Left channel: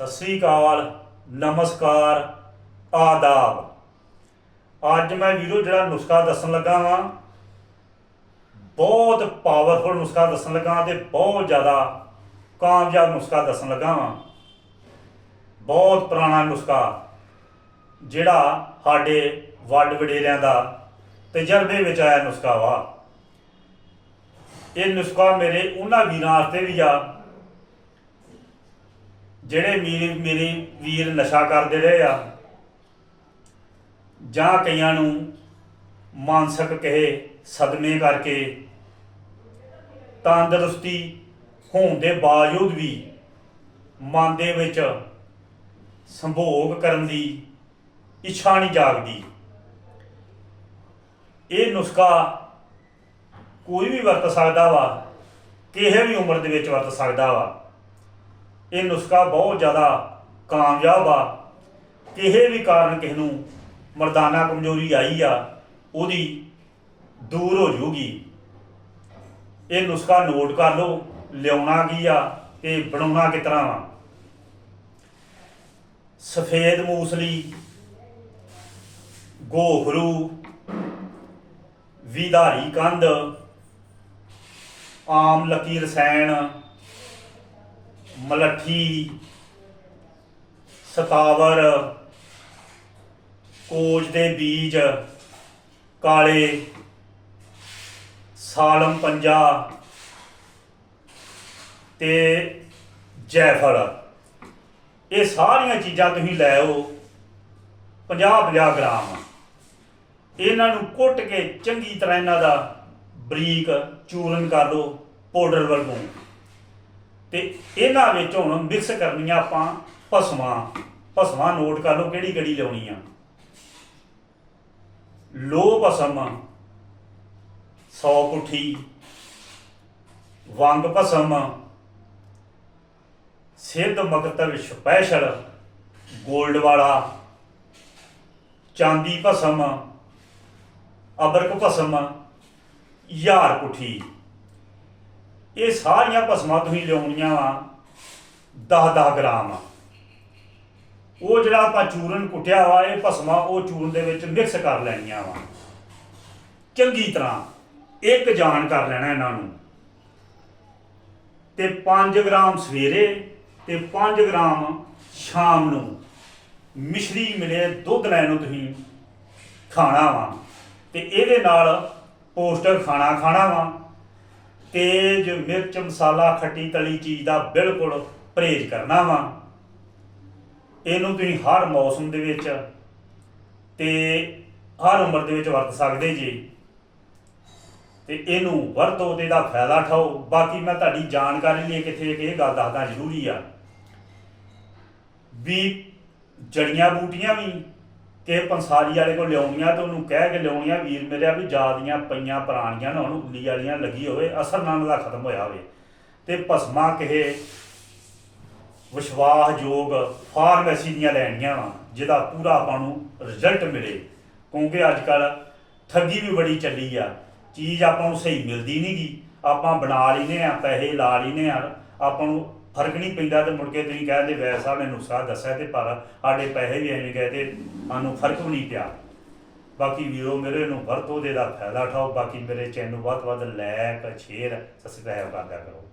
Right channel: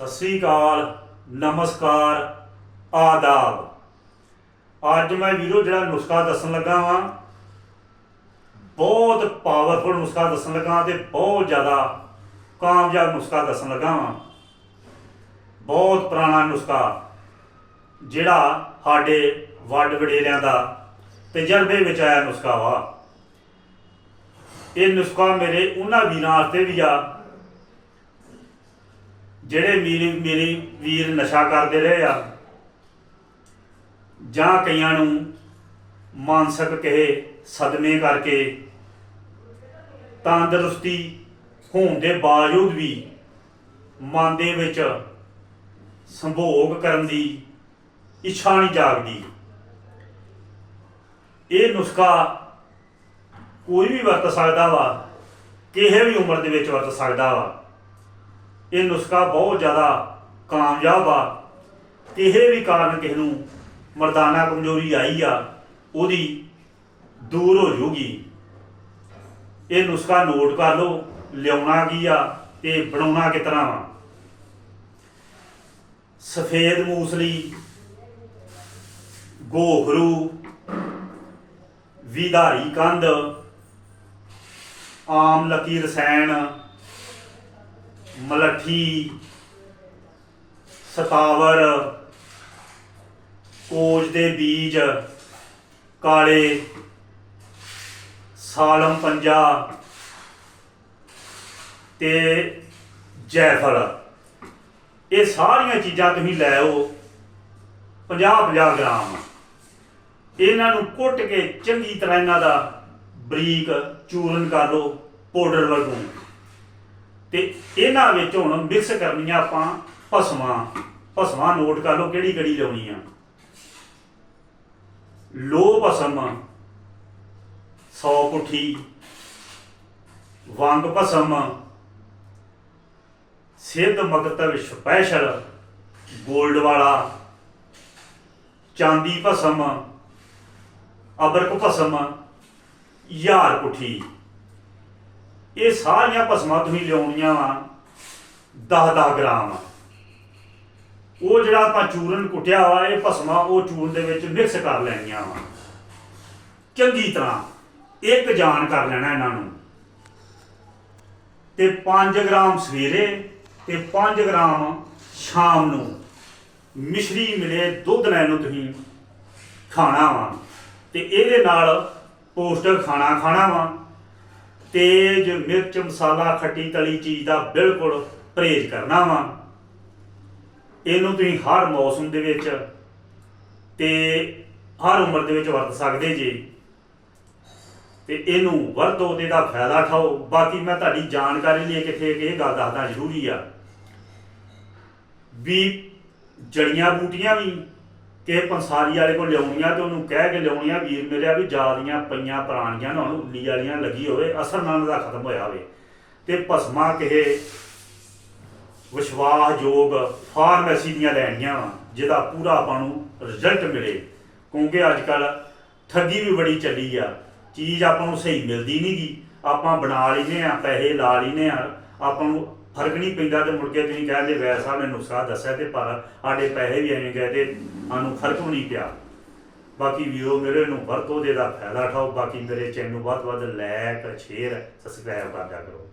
ਸਤਿ ਸ੍ਰੀ ਅਕਾਲ, ਨਮਸਕਾਰ, ਆਦਾਬ। ਅੱਜ ਮੈਂ ਵੀਰੋ ਜਿਹੜਾ ਨੁਸਖਾ ਦੱਸਣ ਲੱਗਾ ਵਾਂ, ਬਹੁਤ ਪਾਵਰਫੁਲ ਨੁਸਖਾ ਦੱਸਣ ਲੱਗਾ ਤੇ ਬਹੁਤ ਜ਼ਿਆਦਾ ਕਾਮਯਾਬ ਨੁਸਖਾ ਦੱਸਣ ਲੱਗਾ ਵਾਂ। ਬਹੁਤ ਪੁਰਾਣਾ ਨੁਸਖਾ, ਜਿਹੜਾ ਸਾਡੇ ਵੱਡ ਵਡੇਰਿਆਂ ਦਾ ਤਜਰਬੇ ਵਿੱਚ ਆਇਆ ਨੁਸਖਾ ਵਾ। ਇਹ ਨੁਸਖਾ ਮੇਰੇ ਉਹਨਾਂ ਵੀਰਾਂ ਵਾਸਤੇ ਵੀ ਆ ਜਿਹੜੇ ਮੇਰੇ ਮੇਰੇ ਵੀਰ ਨਸ਼ਾ ਕਰਦੇ ਰਹੇ ਆ, ਜਾਂ ਕਈਆਂ ਨੂੰ ਮਾਨਸਿਕ ਕਹੇ ਸਦਮੇ ਕਰਕੇ ਤੰਦਰੁਸਤੀ ਹੋਣ ਦੇ ਬਾਵਜੂਦ ਵੀ ਮਨ ਦੇ ਵਿੱਚ ਸੰਭੋਗ ਕਰਨ ਦੀ ਇੱਛਾ ਨਹੀਂ ਜਾਗਦੀ। ਇਹ ਨੁਸਖਾ ਕੋਈ ਵੀ ਵਰਤ ਸਕਦਾ ਵਾ, ਕਿਸੇ ਵੀ ਉਮਰ ਦੇ ਵਿੱਚ ਵਰਤ ਸਕਦਾ ਵਾ। ਇਹ ਨੁਸਖਾ ਬਹੁਤ ਜ਼ਿਆਦਾ ਕਾਮਯਾਬ ਆ। ਕਿਸੇ ਵੀ ਕਾਰਨ ਕਿਸੇ ਨੂੰ ਮਰਦਾਨਾ ਕਮਜ਼ੋਰੀ ਆਈ ਆ, ਉਹਦੀ ਦੂਰ ਹੋ ਜੂਗੀ ਇਹ ਨੁਸਖਾ ਨੋਟ ਕਰ ਲਓ, ਲਿਆਉਣਾ ਕੀ ਆ ਤੇ ਬਣਾਉਣਾ ਕਿਸ ਤਰ੍ਹਾਂ ਵਾ। ਸਫੇਦ ਮੂਸਲੀ, ਗੋਹਰੂ, ਵਿਧਾਰੀ ਕੰਧ, ਆਮ ਲੱਕੀ ਰਸਾਇਣ ਮਲੱਠੀ, ਸਤਾਵਰ, ਕੋਜ ਦੇ ਬੀਜ, ਕਾਲੇ, ਸਾਲਮ ਪੰਜਾ ਤੇ ਜੈਫਲ। ਇਹ ਸਾਰੀਆਂ ਚੀਜ਼ਾਂ ਤੁਸੀਂ ਲੈ ਆਓ 50 50 ਗ੍ਰਾਮ। ਇਹਨਾਂ ਨੂੰ ਕੁੱਟ ਕੇ ਚੰਗੀ ਤਰ੍ਹਾਂ ਇਹਨਾਂ ਦਾ ਬਰੀਕ ਚੂਰਨ ਕਰ ਲਓ, ਪਾਊਡਰ ਵਰਗੋਂ। ਤੇ ਇਹਨਾਂ ਵਿੱਚ ਹੁਣ ਮਿਕਸ ਕਰਨੀਆਂ ਆਪਾਂ ਭਸਵਾਂ ਭਸਵਾਂ ਨੋਟ ਕਰ ਲਓ ਕਿਹੜੀ ਕਿਹੜੀ ਲਾਉਣੀ ਆ। ਲੋ ਭਸਮ 100 ਪੁੱਠੀ, ਵੰਗ ਭਸਮ, ਸਿੱਧ ਮਕਤਵ ਸਪੈਸ਼ਲ 골ਡ ਵਾਲਾ, ਚਾਂਦੀ ਭਸਮ, ਅਬਰਕ ਭਸਮ, ਯਾਰ ਪੁੱਠੀ। ਇਹ ਸਾਰੀਆਂ ਭਸਮਾਂ ਤੁਸੀਂ ਲਿਆਉਣੀਆਂ ਵਾ 10-10 ਗ੍ਰਾਮ ਉਹ ਜਿਹੜਾ ਆਪਾਂ ਚੂਰਨ ਕੁੱਟਿਆ ਵਾ, ਇਹ ਭਸਮਾਂ ਉਹ ਚੂਰਨ ਦੇ ਵਿੱਚ ਮਿਕਸ ਕਰ ਲੈਣੀਆਂ ਵਾ। ਚੰਗੀ ਤਰ੍ਹਾਂ ਇੱਕ ਜਾਨ ਕਰ ਲੈਣਾ ਇਹਨਾਂ ਨੂੰ। ਤੇ 5 ਗ੍ਰਾਮ ਸਵੇਰੇ ਤੇ 5 ਗ੍ਰਾਮ ਸ਼ਾਮ ਨੂੰ ਮਿਸ਼ਰੀ ਮਿਲੇ ਦੁੱਧ ਲੈਣ ਨੂੰ ਤੁਸੀਂ ਖਾਣਾ ਵਾ। ਤੇ ਇਹਦੇ ਨਾਲ ਪੋਸਟਰ ਖਾਣਾ ਖਾਣਾ ਵਾ। ਤੇਜ਼ ਮਿਰਚ ਮਸਾਲਾ ਖੱਟੀ ਤਲੀ ਚੀਜ਼ ਦਾ ਬਿਲਕੁਲ ਪਰਹੇਜ਼ ਕਰਨਾ ਵਾ। ਇਹਨੂੰ ਤੁਸੀਂ ਹਰ ਮੌਸਮ ਦੇ ਵਿੱਚ ਤੇ ਹਰ ਉਮਰ ਦੇ ਵਿੱਚ ਵਰਤ ਸਕਦੇ ਜੀ। ਤੇ ਇਹਨੂੰ ਵਰਤੋ ਤੇ ਦਾ ਫਾਇਦਾ ਉਠਾਓ। ਬਾਕੀ ਮੈਂ ਤੁਹਾਡੀ ਜਾਣਕਾਰੀ ਲਈ ਕਿਥੇ ਇਹ ਗੱਲ ਦੱਸਦਾ ਜ਼ਰੂਰੀ ਆ ਵੀ ਜੜੀਆਂ ਬੂਟੀਆਂ ਵੀ ਕਿ ਪੰਸਾਰੀ ਵਾਲੇ ਕੋਲ ਲਿਆਉਣੀਆਂ ਤੇ ਉਹਨੂੰ ਕਹਿ ਕੇ ਲਿਆਉਣੀਆਂ, ਵੀਰ ਮਿਲਿਆ ਵੀ ਜਾਦੀਆਂ ਪਈਆਂ ਪੁਰਾਣੀਆਂ ਨਾ, ਉਹਨੂੰ ਉੱਲੀ ਵਾਲੀਆਂ ਲੱਗੀ ਹੋਵੇ, ਅਸਰ ਨਾਲ ਉਹਦਾ ਖਤਮ ਹੋਇਆ ਹੋਵੇ। ਤੇ ਭਸਮਾ ਕਿਹੇ ਵਿਸ਼ਵਾਸਯੋਗ ਫਾਰਮੇਸੀ ਦੀਆਂ ਲੈਣੀਆਂ ਵਾ, ਜਿਹਦਾ ਪੂਰਾ ਆਪਾਂ ਨੂੰ ਰਿਜ਼ਲਟ ਮਿਲੇ। ਕਿਉਂਕਿ ਅੱਜ ਕੱਲ ਠੱਗੀ ਵੀ ਬੜੀ ਚੱਲੀ ਆ। ਚੀਜ਼ ਆਪਾਂ ਨੂੰ ਸਹੀ ਮਿਲਦੀ ਨਹੀਂਗੀ ਆਪਾਂ ਬਣਾ ਲੈਨੇ ਆ ਪੈਸੇ ਲਾ ਲੈਨੇ ਆ ਆਪਾਂ ਨੂੰ ਫ਼ਰਕ ਨਹੀਂ ਪੈਂਦਾ ਤੇ ਮੁੜ ਕੇ ਤੁਸੀਂ ਕਹਿੰਦੇ ਵੈਦ ਸਾਹਿਬ ਨੇ ਨੁਸਖਾ ਦੱਸਿਆ ਤੇ ਪਰ ਸਾਡੇ ਪੈਸੇ ਵੀ ਐਵੇਂ ਗਏ ਤੇ ਸਾਨੂੰ ਫ਼ਰਕ ਵੀ ਨਹੀਂ ਪਿਆ। ਬਾਕੀ ਵੀਰੋ, ਮੇਰੇ ਨੂੰ ਵਰਤੋ ਦੇ ਦਾ ਫਾਇਦਾ ਉਠਾਓ, ਬਾਕੀ ਮੇਰੇ ਚੈਨਲ ਨੂੰ ਬਹੁਤ ਵੱਧ ਲਾਇਕ ਸ਼ੇਅਰ ਸਬਸਕ੍ਰਾਈਬ ਕਰਦਿਆ ਕਰੋ।